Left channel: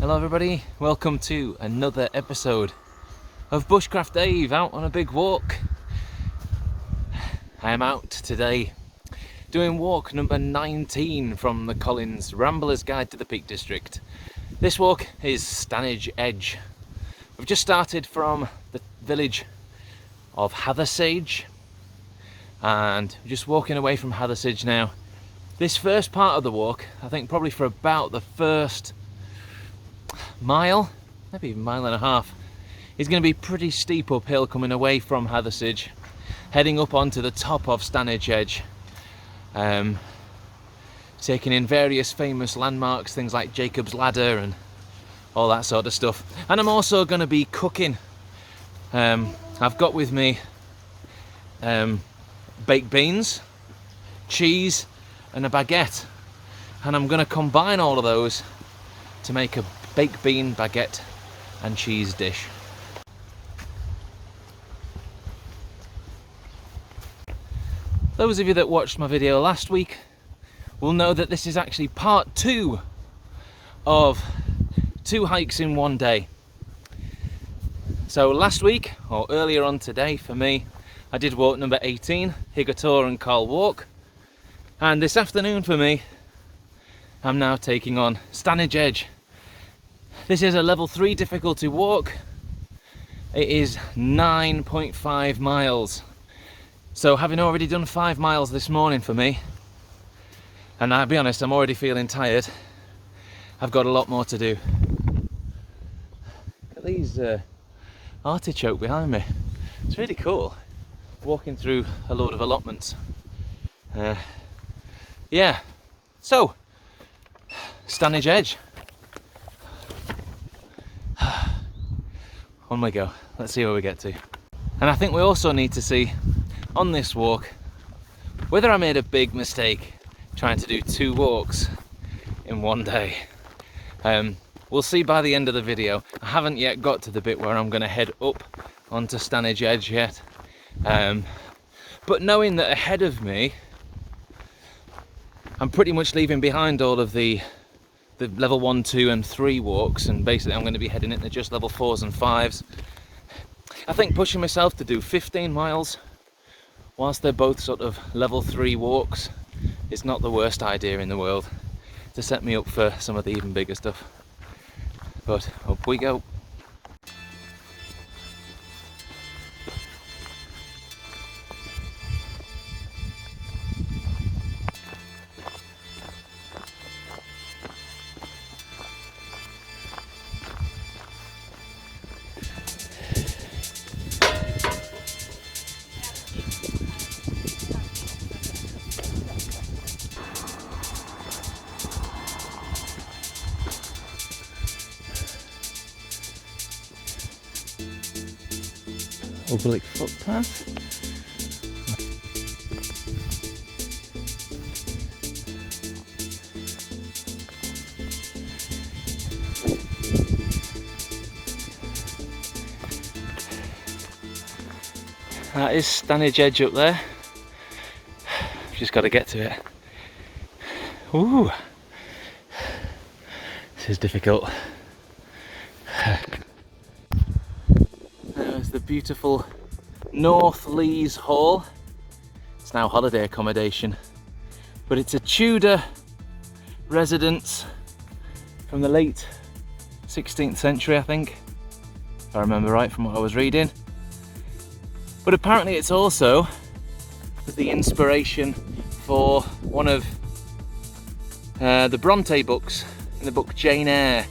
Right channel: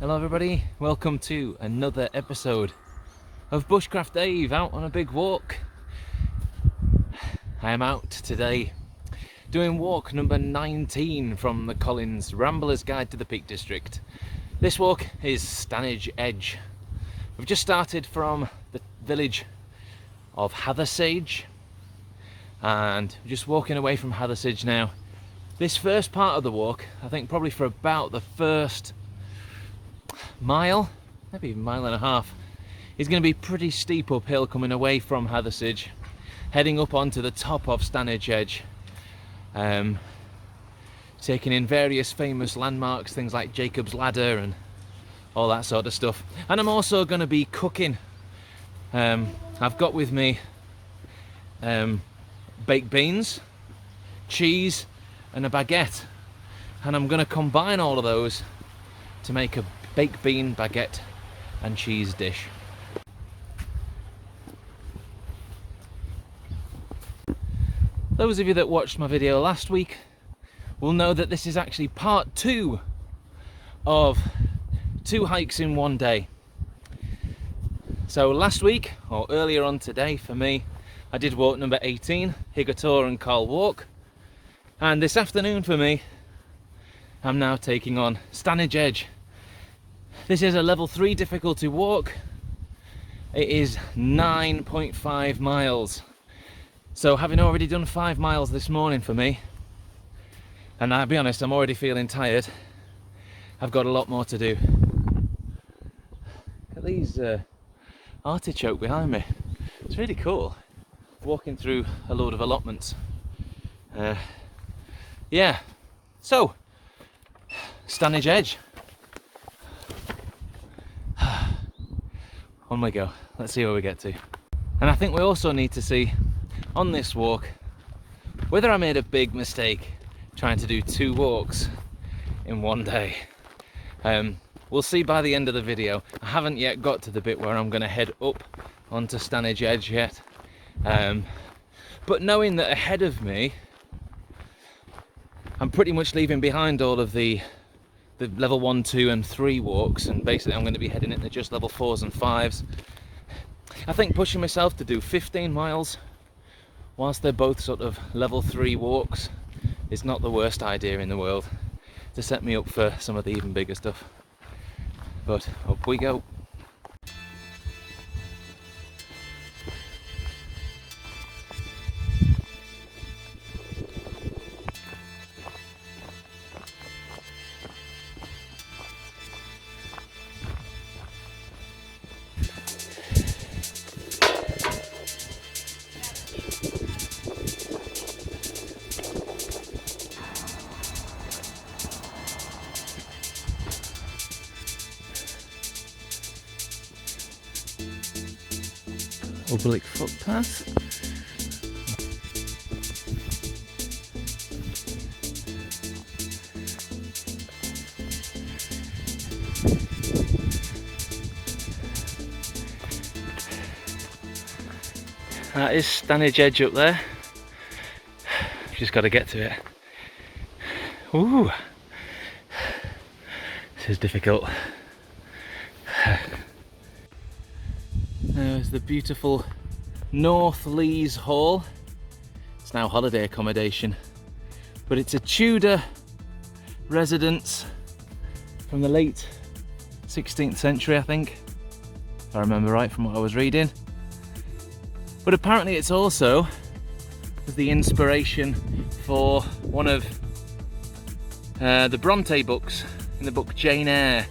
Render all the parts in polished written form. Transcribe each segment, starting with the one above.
Hello everybody, welcome to another episode of Bushcraft Dave out on a big walk. I am out today doing walk number 19 from the Collins Rambler's Guide to the Peak District. This walk is Stanage Edge. We've just started from the village of Hathersage and we're just walking away from Hathersage now. This first part of the walk, I think probably for about the first mile, maybe even mile and a half, is going to be pretty steep uphill coming away from Hathersage, heading up onto the top of Stanage Edge, taking in various famous landmarks, things like Jacob's Ladder and all that sort of stuff. And I'm also going to be cooking. I've got with me baked beans, cheese and a baguette, and I'm going to combine all of those to make a baked bean, baguette and cheese dish. Those of you that watched my video last week will know that this is actually part 2 of 2 hikes in one day. So last week, or earlier on today for me, I did walk number 18, Higator and Carl Walk, and this afternoon for me I'm now taking on Stanage Edge. This is a level 3 difficulty walk. It is 9.5 miles. So having already done 5 miles this morning for me, and I'll be honest, I'm already feeling tired, I've got a lot more to do. Look at these artichoke behind me. It's really cool. Walking through a load of allotments. Yeah, so Stanage Edge. On we go, let's see where we get to. And I think we also need to see on this walk whether I made a big mistake trying to do 2 walks in one day. We'll see by the end of the video. I haven't yet got to the bit where I'm going to head up onto Stanage Edge yet, but knowing that ahead of me I'm pretty much leaving behind all of the level 1, 2 and 3 walks, and basically I'm going to be heading into just level 4s and 5s. I think pushing myself to do 15 miles whilst they're both sort of level 3 walks is not the worst idea in the world to set me up for some of the even bigger stuff. But up we go. Oblique footpath. That is Stanage Edge up there. Just got to get to it. Ooh, this is difficult. There's the beautiful North Lees Hall. It's now holiday accommodation, but it's a Tudor residence from the late 16th century, I think, if I remember right from what I was reading. But apparently it's also the inspiration for one of the Bronte books, in the book Jane Eyre.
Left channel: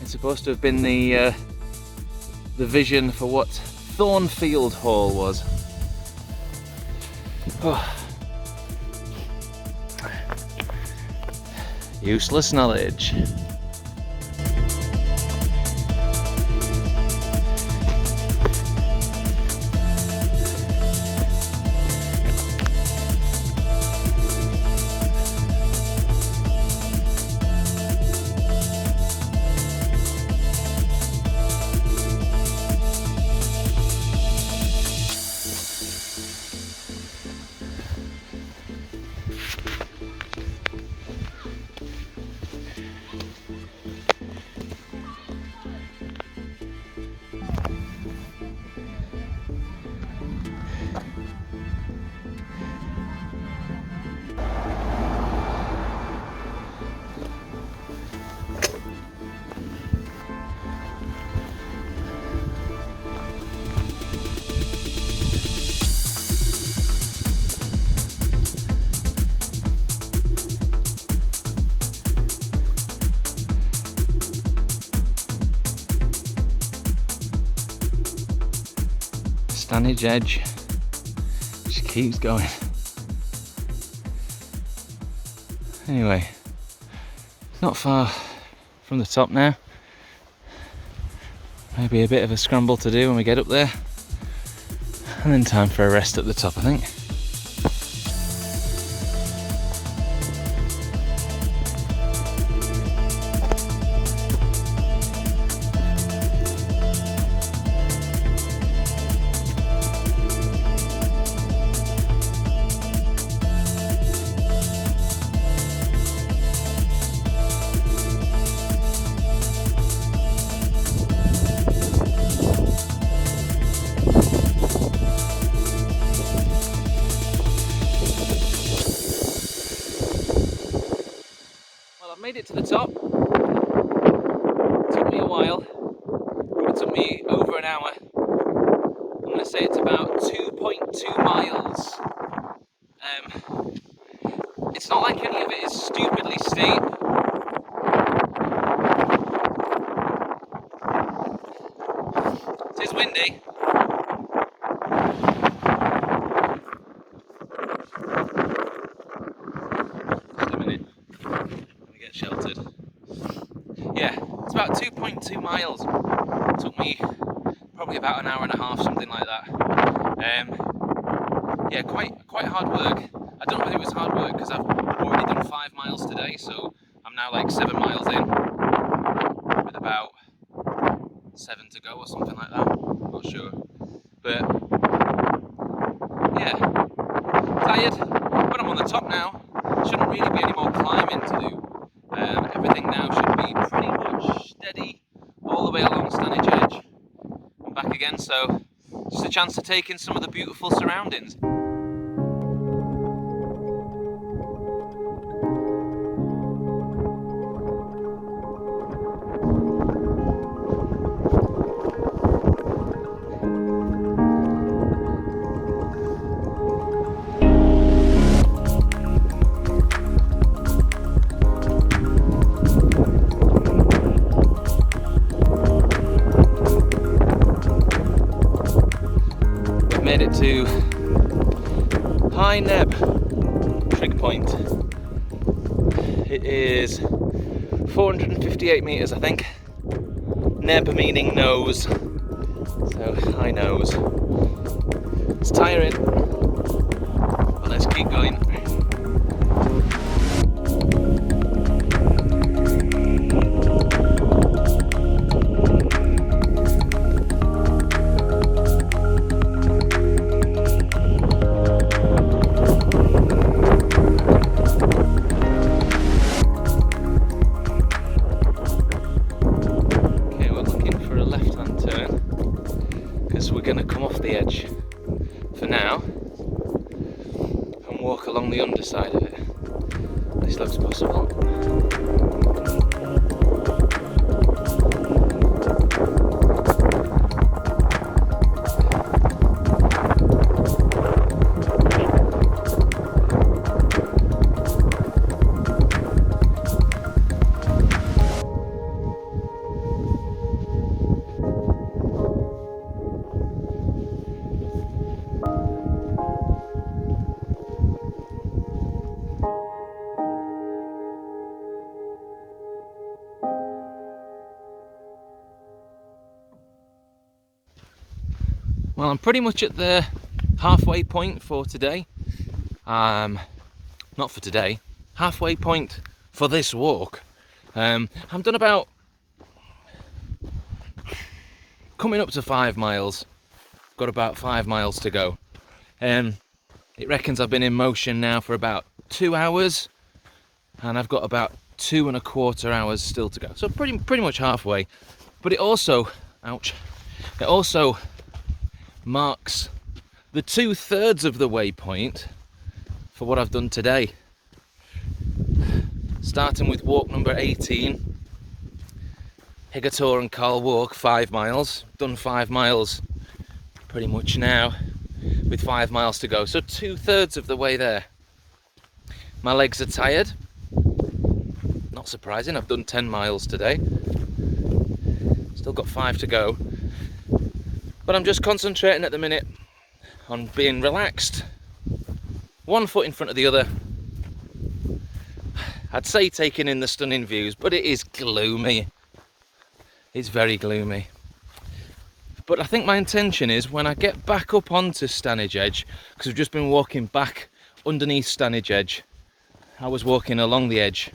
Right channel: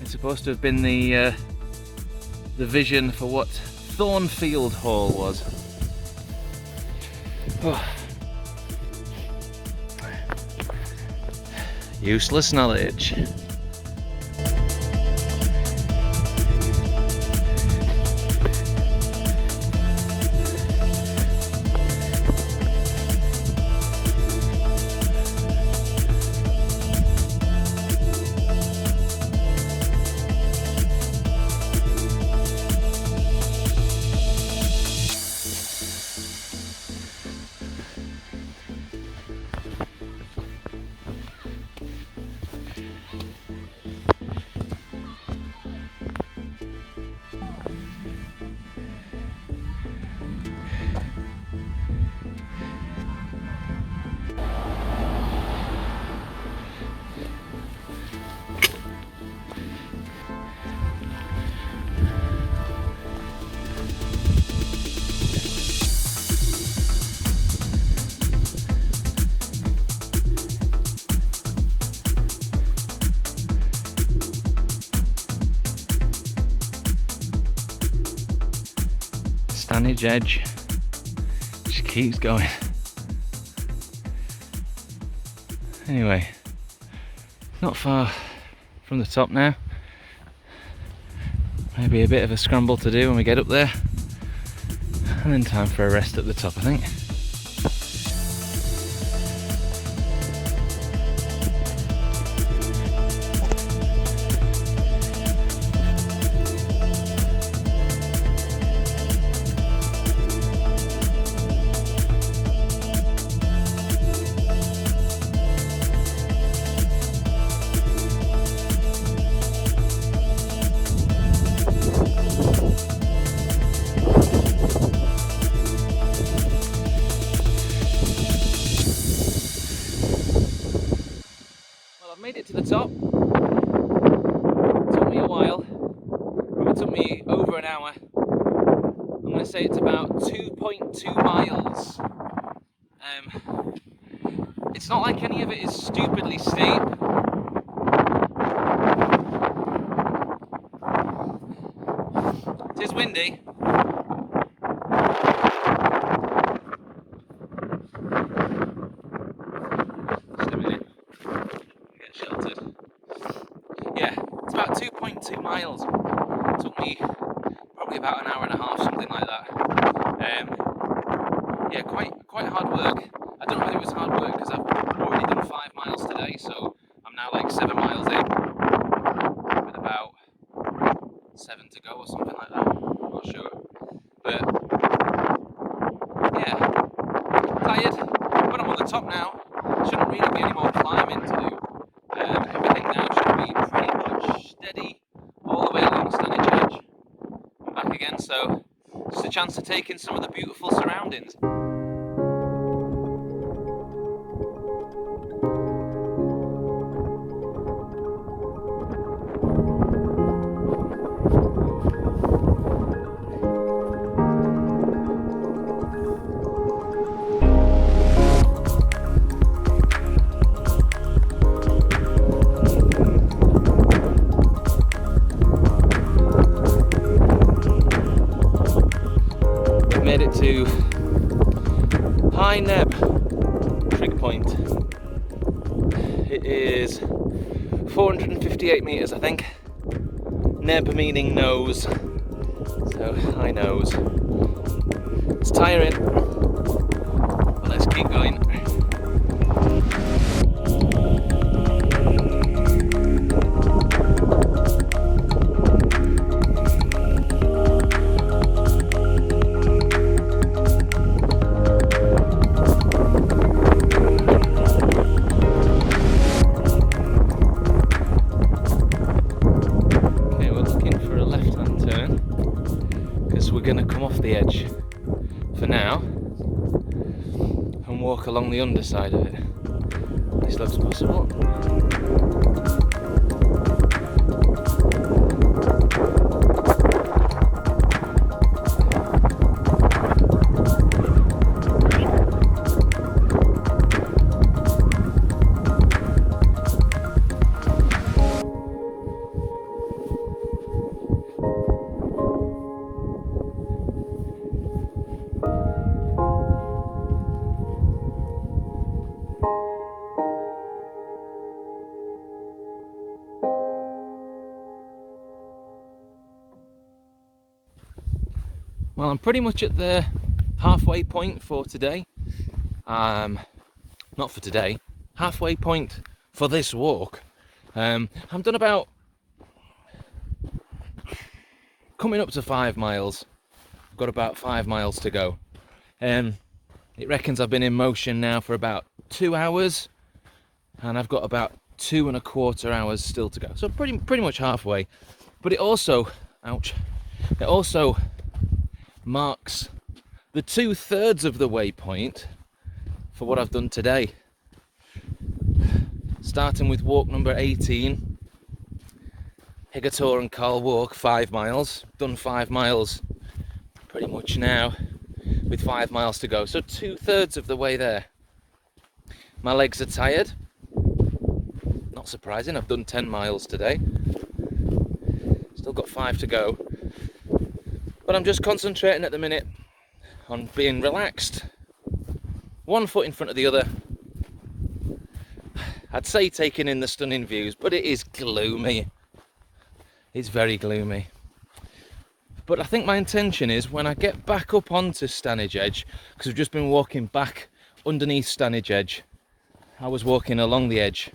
It's supposed to have been the vision for what Thornfield Hall was. Oh. Useless knowledge. Stanage Edge. She keeps going. Anyway, not far from the top now. Maybe a bit of a scramble to do when we get up there. And then time for a rest at the top, I think. Made it to the top. It took me a while. It took me over an hour. I'm going to say it's about 2.2 miles. It's not like any of it is stupidly steep. It is windy. Sheltered. Yeah, it's about 2.2 miles. It took me probably about an hour and a half, something like that. Yeah, quite hard work. I don't know whether it was hard work because I've already done 5 miles today, so I'm now like 7 miles in with about 7 to go or something like that. I'm not sure, but yeah, tired. But I'm on the top now. Shouldn't really be any more climbing to do. Everything now should be pretty much steady all the way along Stanage Edge and back again, so just a chance to take in some of the beautiful surroundings. Made it to High Neb trig point. It is 458 meters, I think. Neb meaning nose, so high nose. It's tiring, but let's keep going. We're going to come off the edge for now and walk along the underside of it. This looks possible. Well, I'm pretty much at the halfway point for today. Not for today, halfway point for this walk. I'm done about coming up to 5 miles. I've got about 5 miles to go. It reckons I've been in motion now for about 2 hours, and I've got about 2.25 hours still to go. So pretty much halfway. But it also, ouch, it also marks the 2/3 of the waypoint for what I've done today. Starting with walk number 18, Higator and Carl walk, 5 miles. Done 5 miles pretty much now, with 5 miles to go. So 2/3 of the way there. My legs are tired. Not surprising, I've done 10 miles today. Still got 5 to go. But I'm just concentrating at the minute on being relaxed, one foot in front of the other. I'd say taking in the stunning views, but it is gloomy. It's very gloomy. But I think my intention is when I get back up onto Stanage Edge, because we've just been walking back underneath Stanage Edge. I was walking along the edge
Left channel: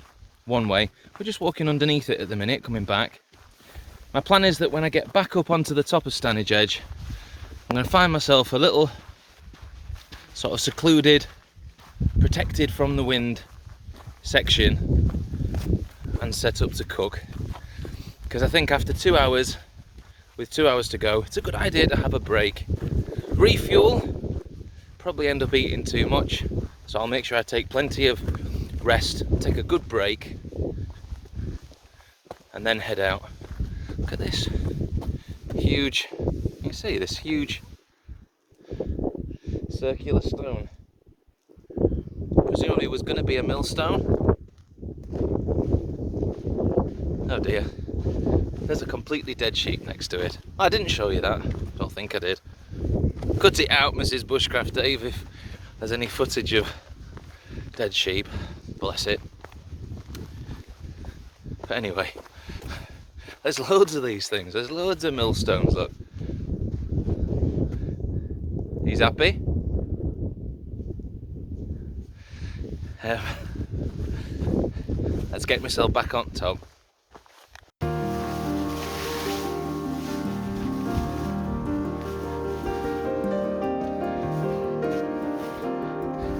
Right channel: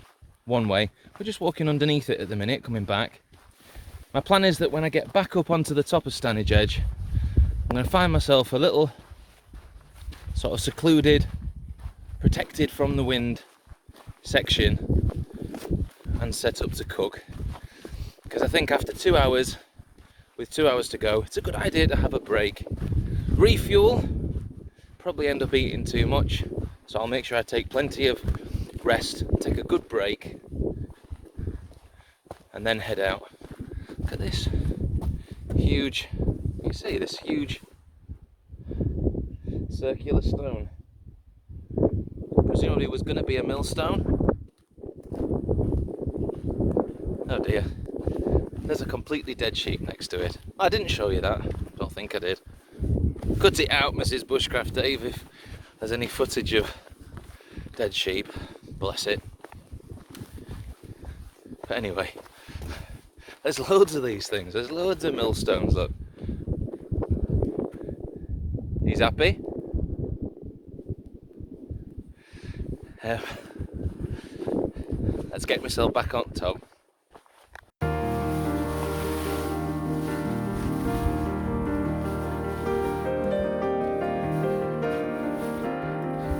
one way. We're just walking underneath it at the minute, coming back. My plan is that when I get back up onto the top of Stanage Edge, I'm going to find myself a little sort of secluded, protected from the wind section and set up to cook. Because I think after 2 hours, with 2 hours to go, it's a good idea to have a break. Refuel, probably end up eating too much, so I'll make sure I take plenty of rest, take a good break, and then head out. Look at this huge, you can see this huge circular stone. Presumably it was going to be a millstone. Oh dear. There's a completely dead sheep next to it. I didn't show you that. Don't think I did. Cut it out, Mrs. Bushcraft Dave, if there's any footage of dead sheep. Bless it. But anyway, there's loads of these things. There's loads of millstones, look. He's happy. Let's get myself back on top.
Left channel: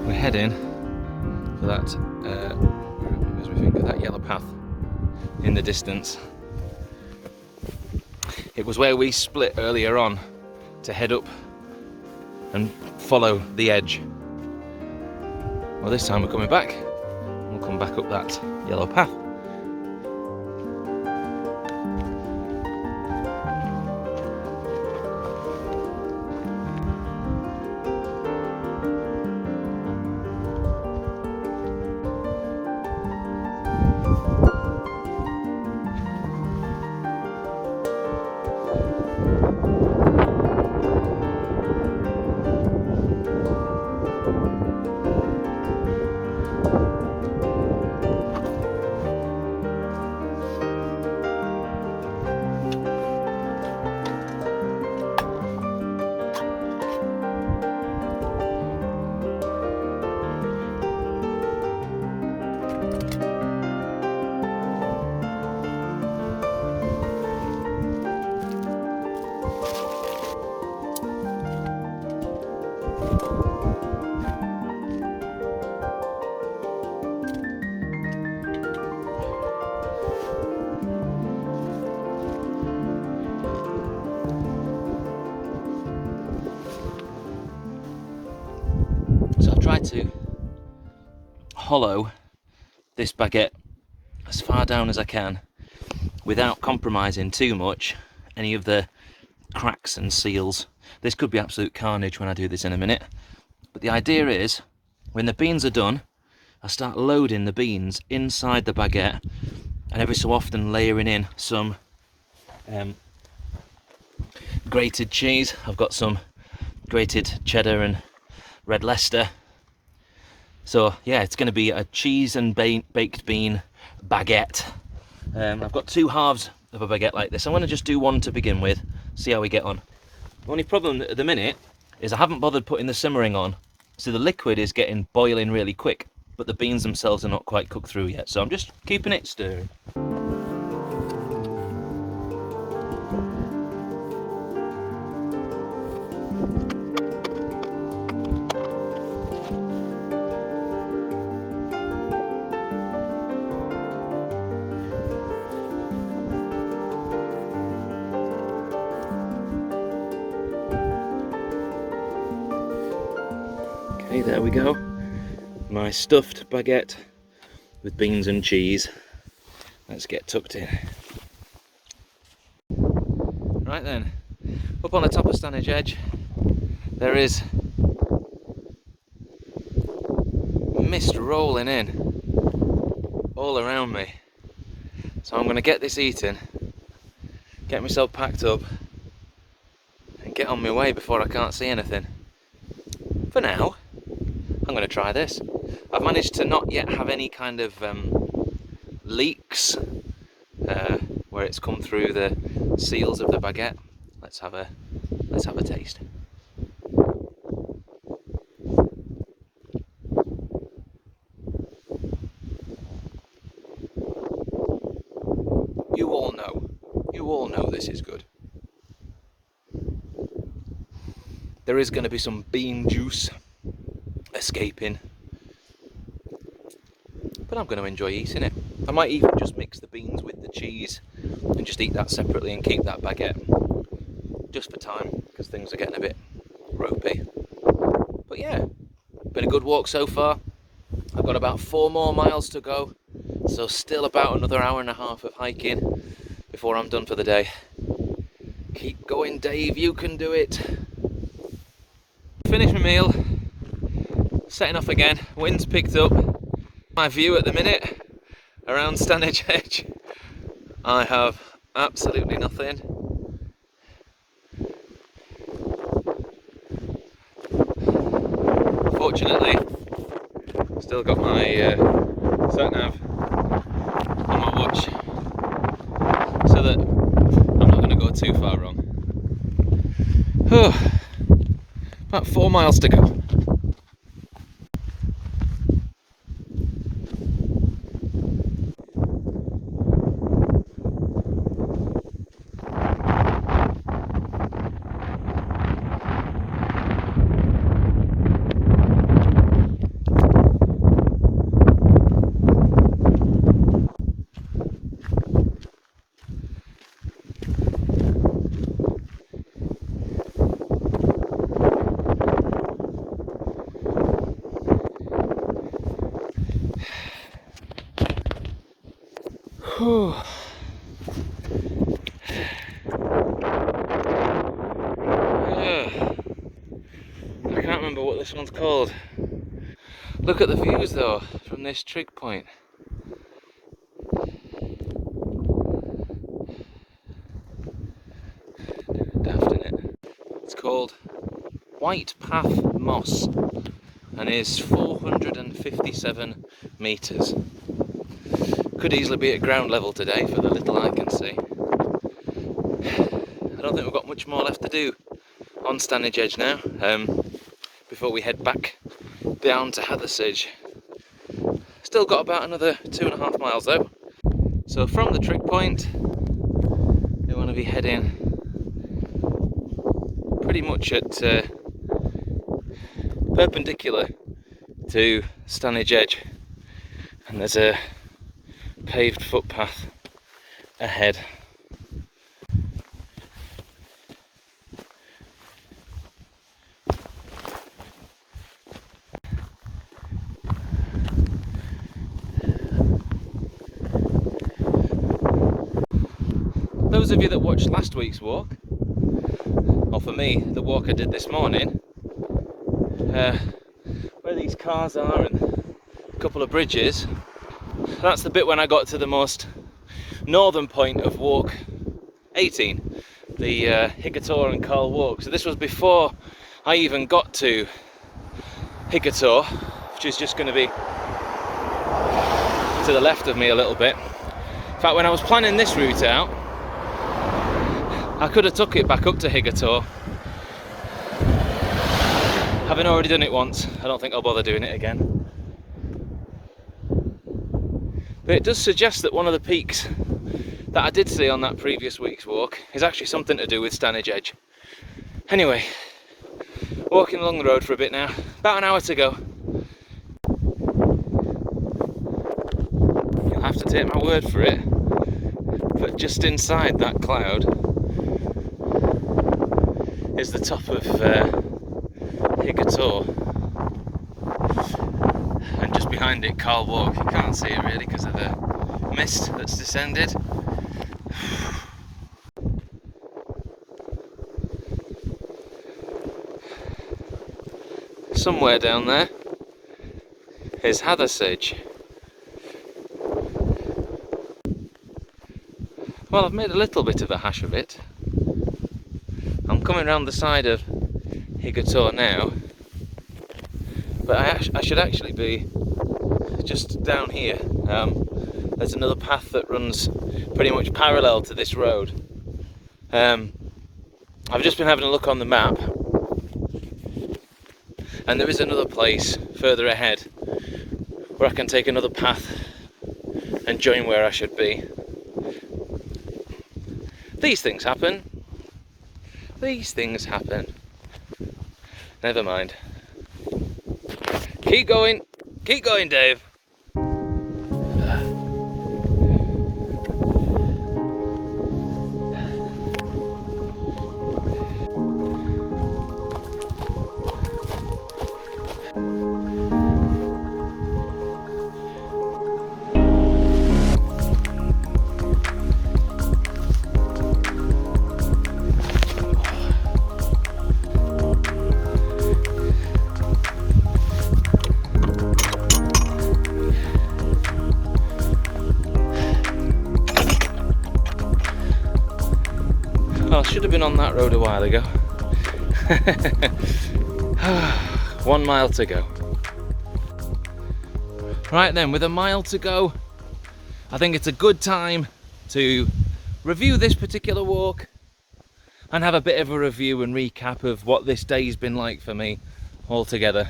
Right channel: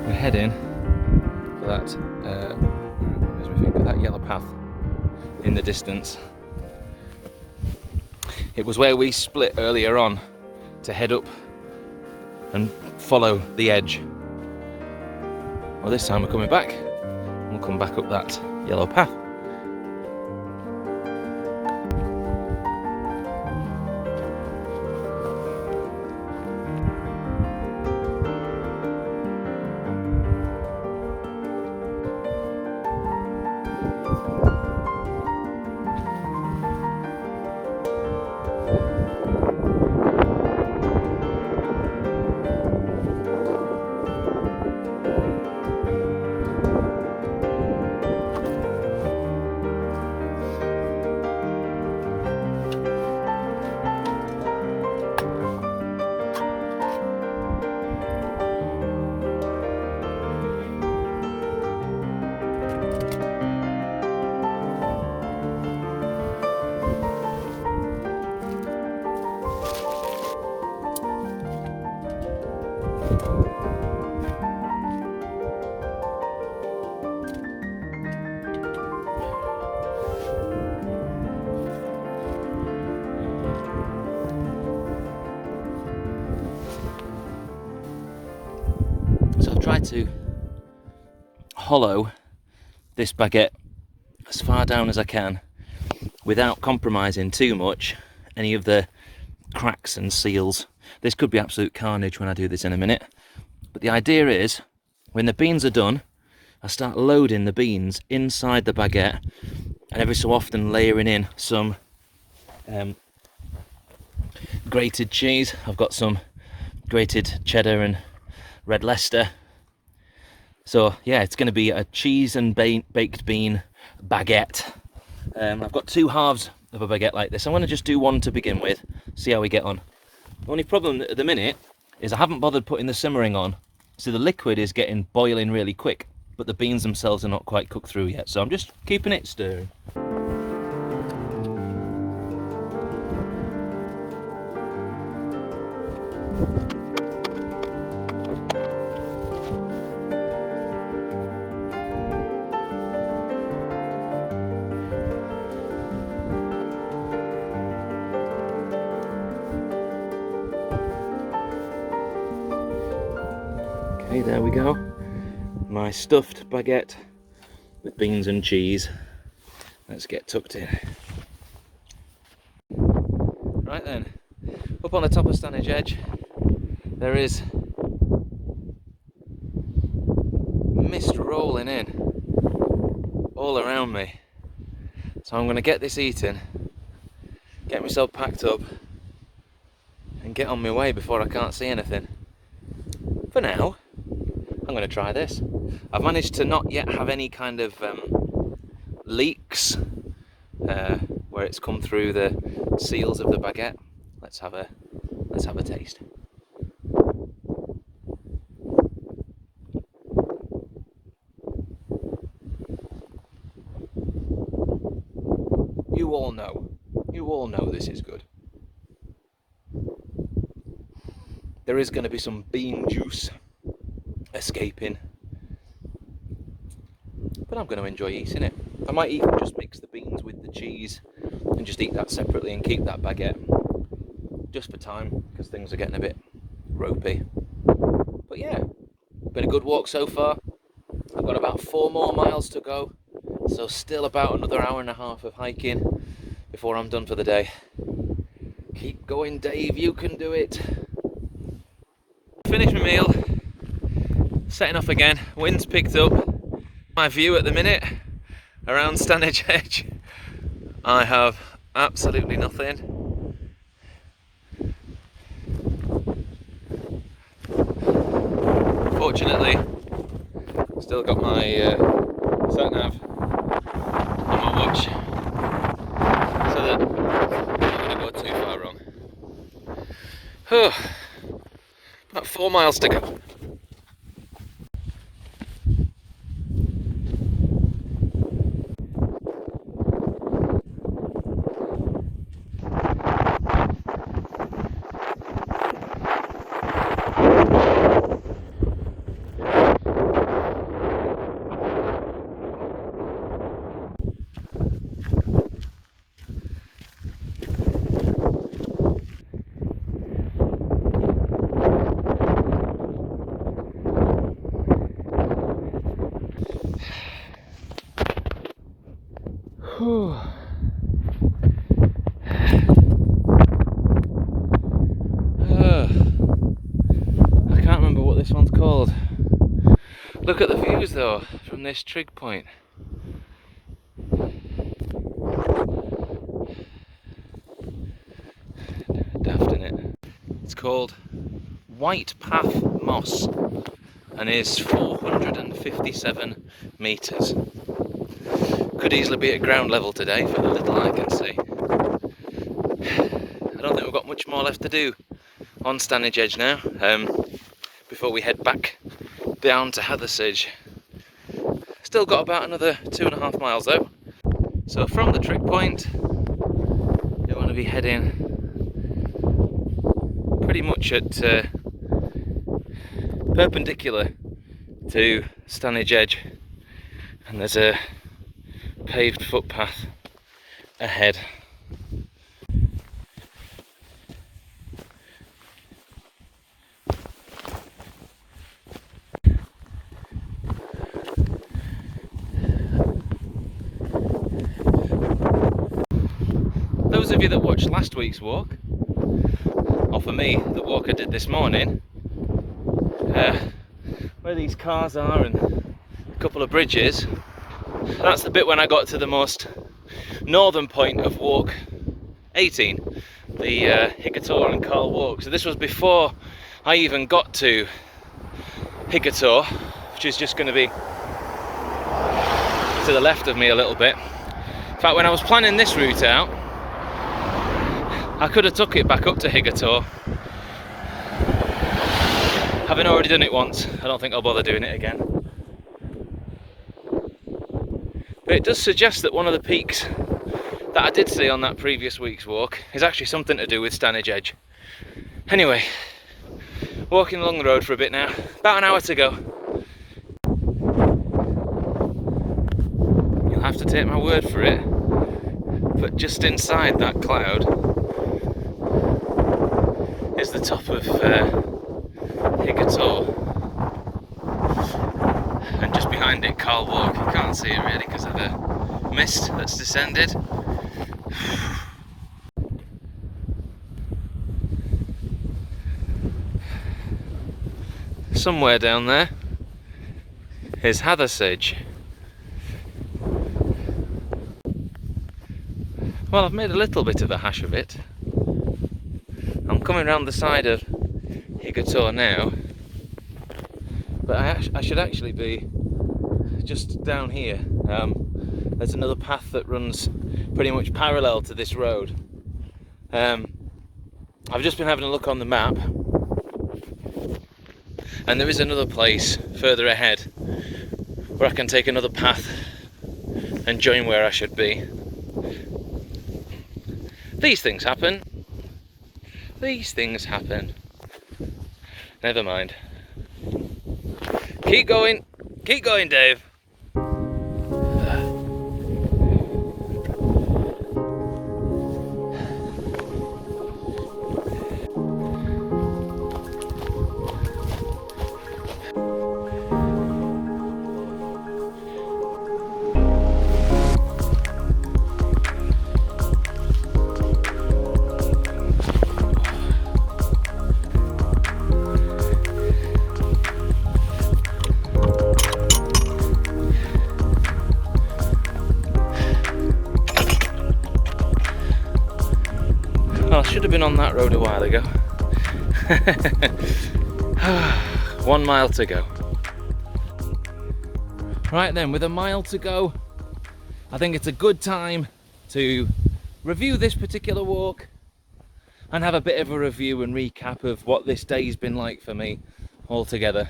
We're heading for that, as we think of that yellow path in the distance. It was where we split earlier on to head up and follow the edge. Well, this time we're coming back and come back up that yellow path. So I've tried to hollow this baguette as far down as I can without compromising too much any of the cracks and seals. This could be absolute carnage when I do this in a minute, but the idea is when the beans are done, I start loading the beans inside the baguette and every so often layering in some grated cheese. I've got some grated cheddar and red Leicester. So yeah, it's going to be a cheese and baked bean baguette. I've got two halves of a baguette like this. I'm going to just do one to begin with, see how we get on. The only problem at the minute is I haven't bothered putting the simmering on, so the liquid is getting boiling really quick, but the beans themselves are not quite cooked through yet, so I'm just keeping it stirring. Okay, there we go. My stuffed baguette with beans and cheese. Let's get tucked in. Right then, up on the top of Stanage Edge, there is mist rolling in all around me. So I'm going to get this eaten, get myself packed up, and get on my way before I can't see anything. for now, I'm going to try this. I've managed to not yet have any kind of leaks where it's come through the seals of the baguette. Let's have a taste. You all know this is good. There is going to be some bean juice escaping, but I'm going to enjoy eating it. I might even just mix the beans with the cheese and just eat that separately and keep that baguette just for time, because things are getting a bit ropey. But yeah, been a good walk so far. I've got about 4 more miles to go, so still about another hour and a half of hiking before I'm done for the day. Keep going, Dave, you can do it. Finished my meal, setting off again. Wind's picked up. My view at the minute around Stanage Edge, I have absolutely nothing. Fortunately, still got my sat nav on my watch, so that I'm not going to go too far wrong. About 4 miles to go. I can't remember what this one's called. Look at the views though from this trig point. Daft, innit? It's called White Path Moss and is 457 metres. Could easily be at ground level today for the little I can see. I don't think we've got much more left to do on Stanage Edge now, before we head back down to Hathersage. Still got about another 2.5 miles though. So from the trig point, we want to be heading pretty much at perpendicular to Stanage Edge, and there's a paved footpath ahead. Those of you that watched last week's walk, or for me, the walk I did this morning, where these cars are and a couple of bridges, that's the bit when I got to the most northern point of walk 18, the Higator and Carl walk. So this was before I even got to Higator, which is just going to be to the left of me a little bit. In fact, when I was planning this route out, I could have took it back up to Higator. Having already done it once, I don't think I'll bother doing it again. But it does suggest that one of the peaks that I did see on that previous week's walk is actually something to do with Stanage Edge. Anyway, walking along the road for a bit now, about an hour to go. You'll have to take my word for it, but just inside that cloud is the top of Higator, and just behind it Carl Walk. You can't see it really because of the mist that's descended. Somewhere down there is Hathersage. Well, I've made a little bit of a hash of it. I'm coming around the side of Higator now, But I should actually be just down here. There's another path that runs pretty much parallel to this road. I've just been having a look on the map, and there is another place further ahead where I can take another path and join where I should be. These things happen. These things happen. Never mind. Keep going, Dave. Well, I should have been on that road a while ago. 1 mile to go. Right then, with a mile to go, I think it's a good time to review this particular walk and have a bit of a review and recap of what this day's been like for me altogether.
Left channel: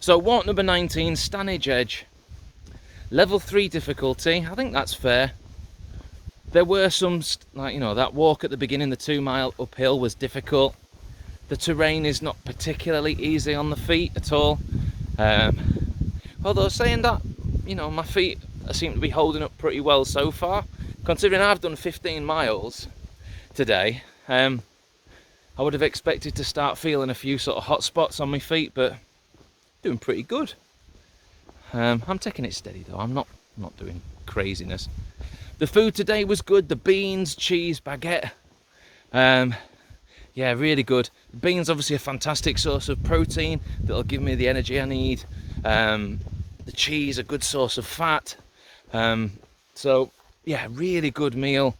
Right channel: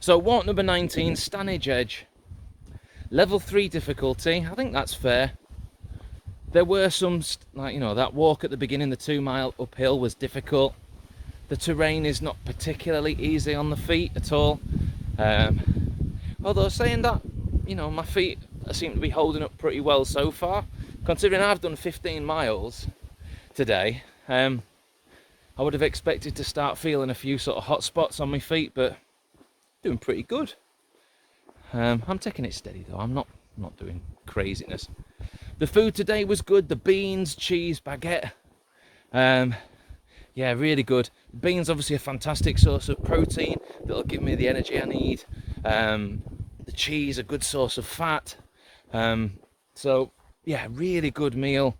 So walk number 19, Stanage Edge, level 3 difficulty. I think that's fair. There were some, like, you know, that walk at the beginning, the 2 mile uphill was difficult. The terrain is not particularly easy on the feet at all. Although saying that, you know, my feet seem to be holding up pretty well so far. Considering I've done 15 miles today, I would have expected to start feeling a few sort of hot spots on my feet, but doing pretty good. I'm taking it steady though, I'm not doing craziness. The food today was good, the beans, cheese, baguette. Yeah, really good. Beans obviously a fantastic source of protein that'll give me the energy I need. The cheese, a good source of fat. So yeah, really good meal.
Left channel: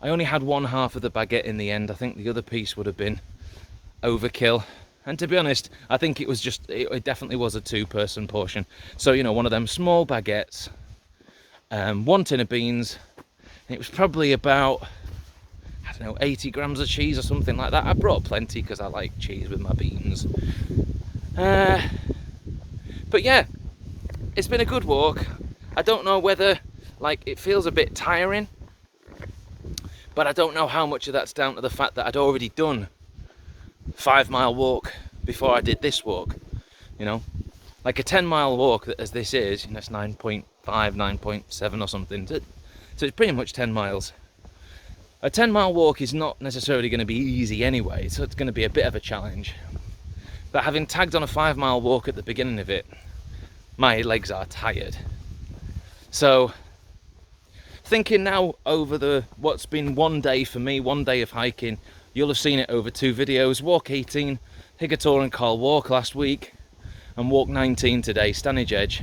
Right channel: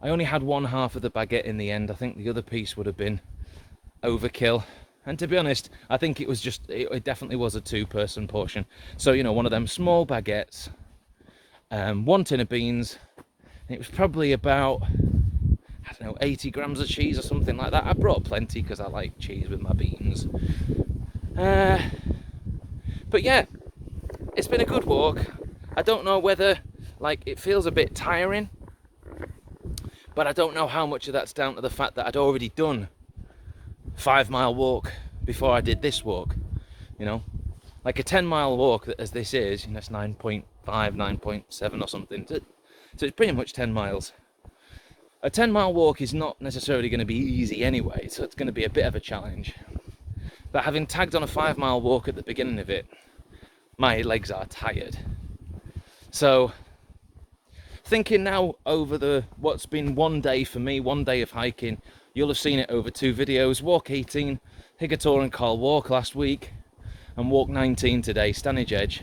I only had one half of the baguette in the end. I think the other piece would have been overkill. And to be honest, I think it definitely was a 2-person portion. So, you know, one of them small baguettes, 1 tin of beans, and it was probably about, I don't know, 80 grams of cheese or something like that. I brought plenty because I like cheese with my beans. But yeah, it's been a good walk. I don't know whether, like, it feels a bit tiring, but I don't know how much of that's down to the fact that I'd already done 5 mile walk before I did this walk. You know, like a 10 mile walk as this is, you know, it's 9.5, 9.7 or something. So it's pretty much 10 miles. A 10 mile walk is not necessarily going to be easy anyway, so it's going to be a bit of a challenge. But having tagged on a 5 mile walk at the beginning of it, my legs are tired. So thinking now over what's been one day for me, 1 day of hiking, you'll have seen it over 2 videos. Walk 18, Higator and Call Walk last week, and walk 19 today, Stanage Edge.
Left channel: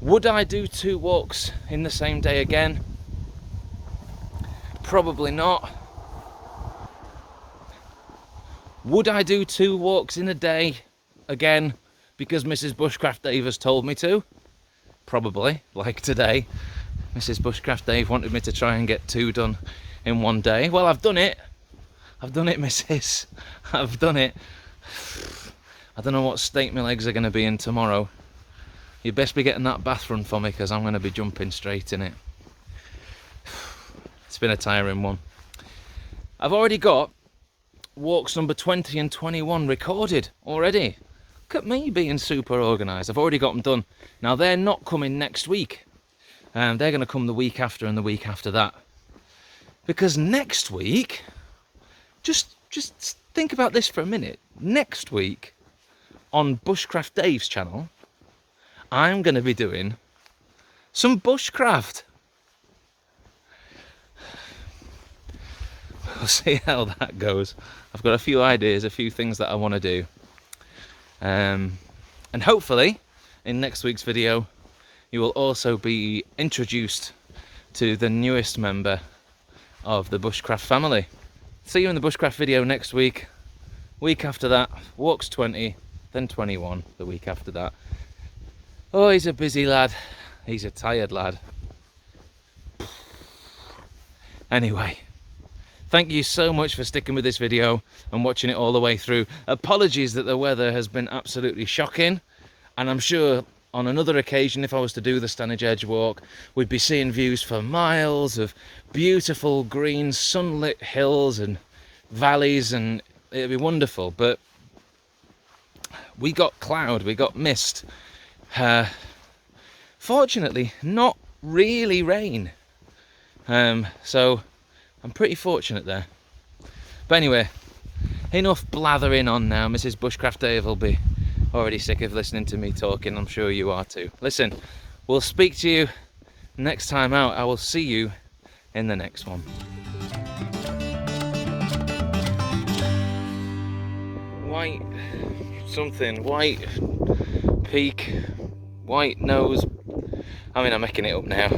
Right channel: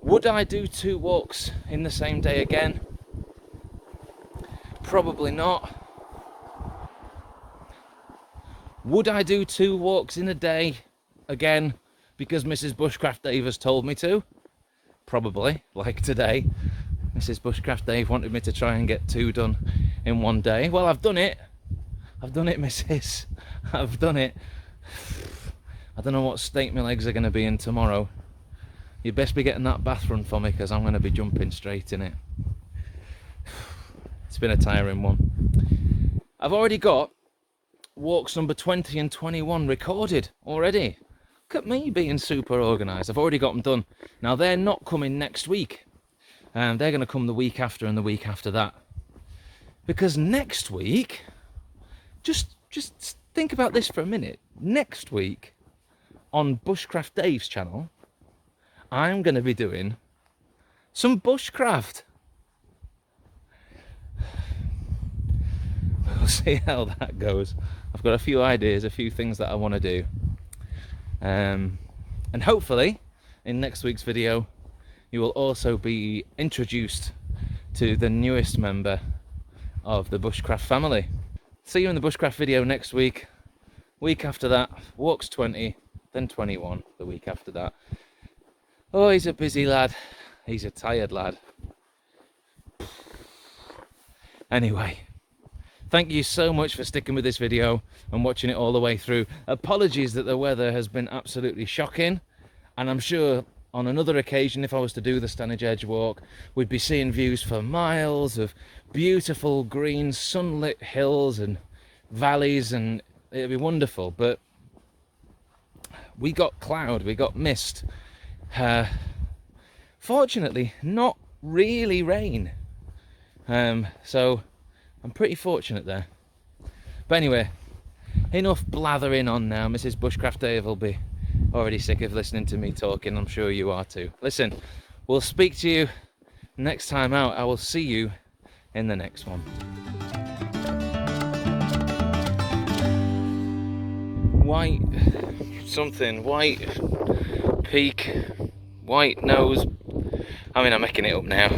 Would I do 2 walks in the same day again? Probably not. Would I do 2 walks in a day again because Mrs. Bushcraft Dave has told me to? Probably, like today. Mrs. Bushcraft Dave wanted me to try and get 2 done in 1 day. Well, I've done it. I've done it, Mrs. I've done it. I don't know what state my legs are going to be in tomorrow. You best be getting that bath run for me because I'm going to be jumping straight in it. It's been a tiring one. I've already got walks number 20 and 21 recorded already. Look at me being super organised. I've already got them done. Now they're not coming next week. They're going to come the week after and the week after that. Because next week, just think about this for a minute. Next week on Bushcraft Dave's channel, I'm going to be doing some bushcraft. We'll see how that goes. I've got a few ideas, a few things that I want to do. And hopefully, in next week's video, you will also be introduced to the newest member of the Bushcraft family. See you in the Bushcraft video next week. Week after that, walks 20, then 21 the week after that. Oh, he's a busy lad. He's a tired lad. Anyway, thank you so much for sticking with this video and watching it all the way through. Apologies that the weather has been absolutely shocking, and I'm sure on another occasion, if I was to do the Stanage Edge walk, we'd be seeing views for miles of beautiful green sunlit hills and valleys, and it'd be wonderful. But we got cloud, we got mist. Fortunately, not really rain. So I'm pretty fortunate there. But anyway, enough blathering on now. Mrs. Bushcraft Dave will be already sick of listening to me talking. I'm sure you are too. Listen, we'll speak to you next time out. I will see you in the next one. White something, white peak, white nose. I mean, I'm making it up now.